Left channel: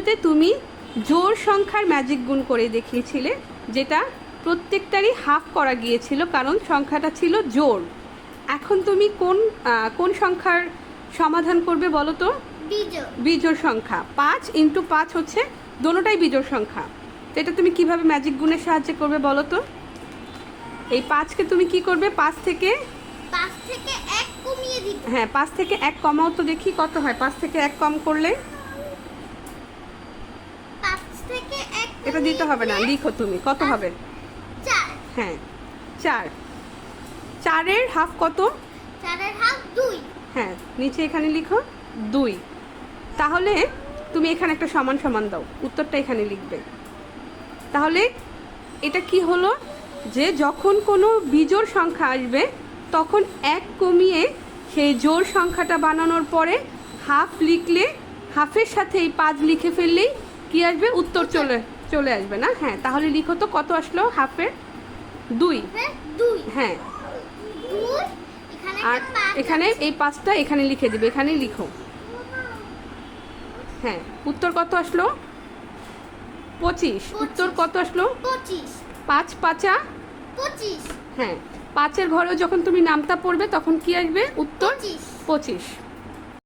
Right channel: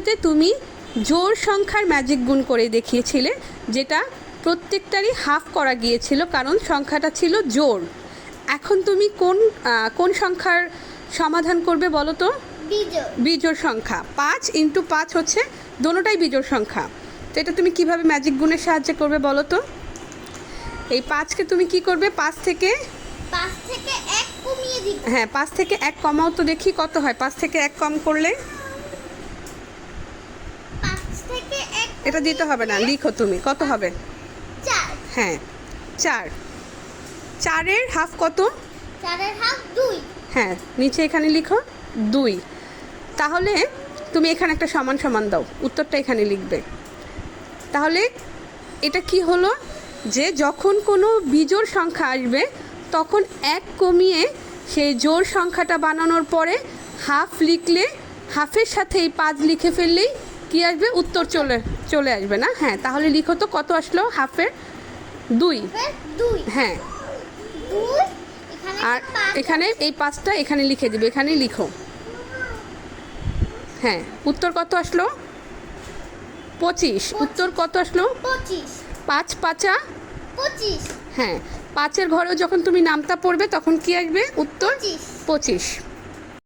ভিডিওতে তুমি জোড় সংখ্যার ম্যাজিক গুণ করে দেখিয়েছিলে, যেটা প্রত্যেকটারই হাফ করা গিয়েছিল কারণ সংখ্যাটা ছিল জোড়। এখন তুমি কোন সংখ্যার সমাধান করবে বলো তো? বিজোড় সংখ্যা। 5 × 5 হচ্ছে দোনোটাই বিজোড় সংখ্যা। তো এটা তুমি কিভাবে ম্যাজিক গুণের সাহায্যে করবে বলো তো? এই 5কে তুমি কি করবে? 5 থেকে 1 কমিয়ে দিবে। হ্যাঁ, 5 থেকে 1 কমাও তো দেখি কত হয়। 5 থেকে 1 কম করলে 5 থেকে 1 এটা দিতে হবে না, লিখো তুমি কত হবে। 4। হ্যাঁ 4। 4-এর হাফ কত? 4-এর হাফ 2। হ্যাঁ, নিচে এখানে লিখো 2। তাহলে তুমি এখানে একটা সমান সমান দাও, উত্তরটা এখানে লিখবে। তাহলে এটা কি হলো যে যখন কোনো বিজোড় সংখ্যা আসবে তখন 1 কমিয়ে সেই জোড় সংখ্যাটা বানানোর পরে হাফ লিখলে, হাফের সাথে এই 5 লিখে ফেললেই কি আসবে? উত্তর চলে আসবে না? হ্যাঁ, তাহলে লিখো তো কত আসলো হাফের? 2। হ্যাঁ, 2 আর এখানে এই 5টা এখানে লিখে দিবে, এখানে লিখো। হ্যাঁ, উত্তর কত আসলো? 25। উত্তর কত আসলো? 25। 5 5 25। হ্যাঁ, 5-এর ঘরেও যখন তুমি নামতা পড়বে তখন কি আসবে? উত্তর 25। 25।